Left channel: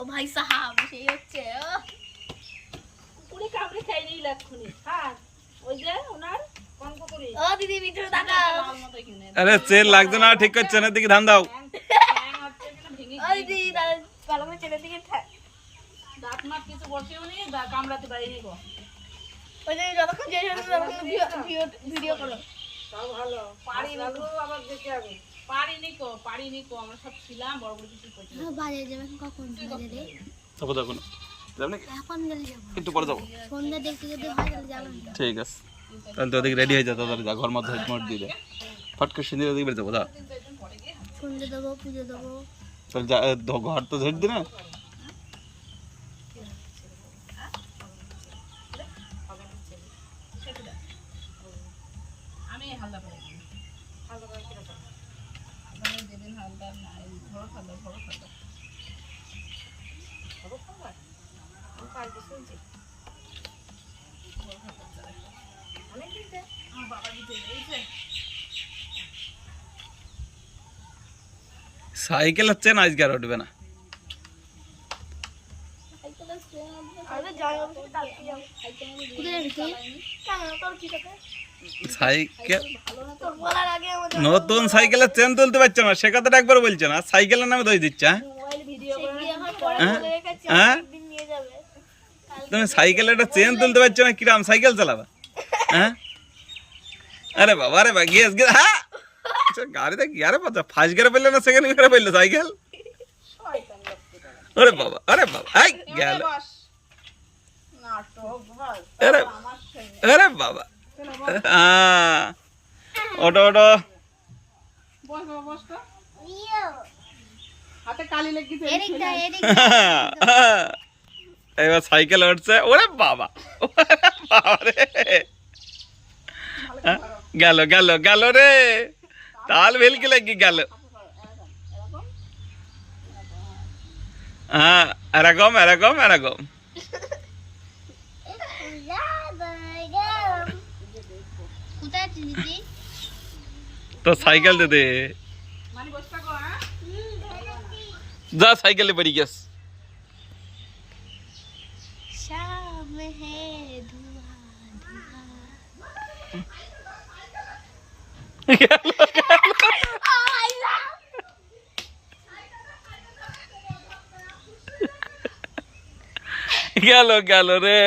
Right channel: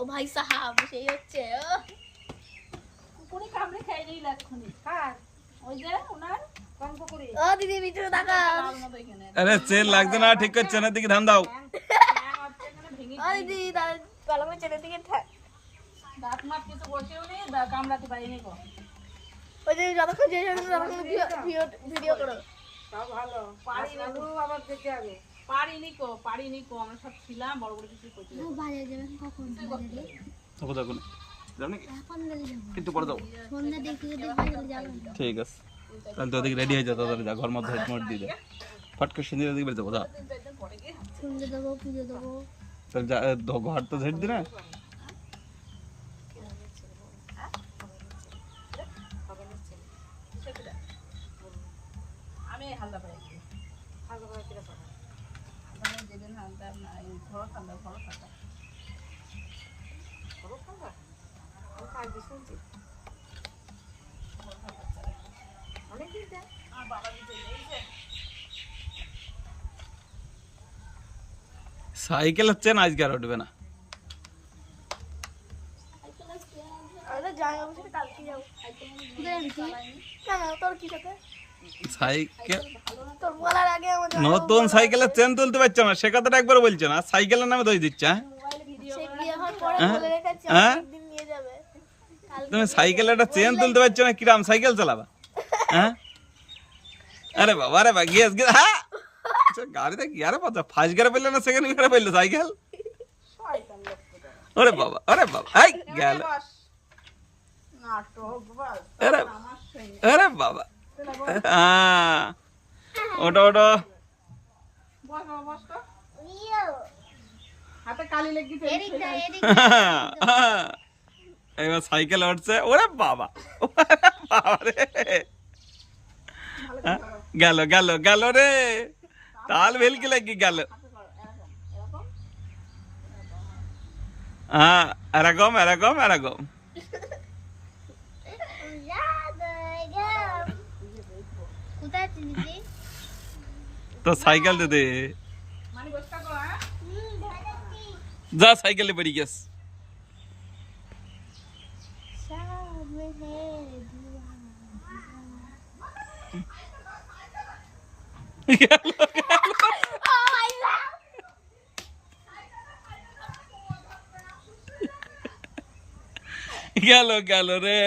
ও ভাই সাহাব সেই হচ্ছে কুকুরে কামড়ে খাই নিই লাক্ষণি। হ্যাঁ ওই যে ওনার কোন কুকুরে? ও দিদি ভিতরে তাকাও। আরে চেন লাগছে না, ঠিক করছে না, দিকে ধান দাও। ও দিদি ভালো করে ছেলে দিকে দাঁত মাত কিছু বসেও নেই, কামড়াতে পারিনি গো। ওই দিদি যতক্ষণ যে ততক্ষণ ভিডিও করো। তাও ভালো পারিনি গো, আবার দেখে আগে পারিনি কো আমরা সব ছিলাম বড় বড় কিছু করতে। বাজারে যাবেন কখন? বাজারে যাবো তখন যাবো নাকি? এখন গেলে যাবো, একটু পরে যাবো। সন্ধ্যা দেখতে যদি হয় তাহলে যাবেন। ঠিক আছে, তাহলে তো ওদিকে রেডি হয়ে যা, তাড়াতাড়ি যা, ঘর মধ্যে মোট দিয়ে দে, ফট করে সিঁদুর দিকে বের যাবো। যা সন্ধ্যা দেবো, পুজো দেবো। তাহলে যা, ঘর তো ঝেড়ে দি না। আমি হালদা পাই হালদা করে কিরা পাই মানে যেদিন হালদা না এই ঘর খালদা আমি কাল দিয়ে শুনছি অনেক দিন বাবা দিতে গেছে। সাইকেল হচ্ছে না, আজকে আর উঠবে না। সাইকেল নতুন সাইকেলের চেন তুলতে পারছো না, সে কথাটা একবার বলছো না, সাইকেলের নামে দই দিচ্ছে। হ্যাঁ হ্যাঁ, তুমি সাইকেলের একটা চেন তুলতে পারছো না, কিরাম সাইকেল চালাবা? হ্যাঁ, আরে বাবা, আরে বাবা, গিয়ে হ্যাঁ গাড়িতে গিয়ারে পাচ্ছ, ফার্স্ট গিয়ারে পেলে না সেকেন্ড গিয়ারে পেলে সাইকেল? আরে বাবা, আরে বাবা, এই গেল। আরে আরে বাবা, হ্যাঁ ওটো ওটো। এবার সাইকেল উঠছে, ওরে বাবা, বাবা রে, গেল গেল গেল রে, তাল ভেলকি লাগি গেল। হ্যাঁ, এরকম এরকম এরকম। তো সাইকেল দে দে, যা সাইকেলে পড়ি গেছ। গেল গেল রে।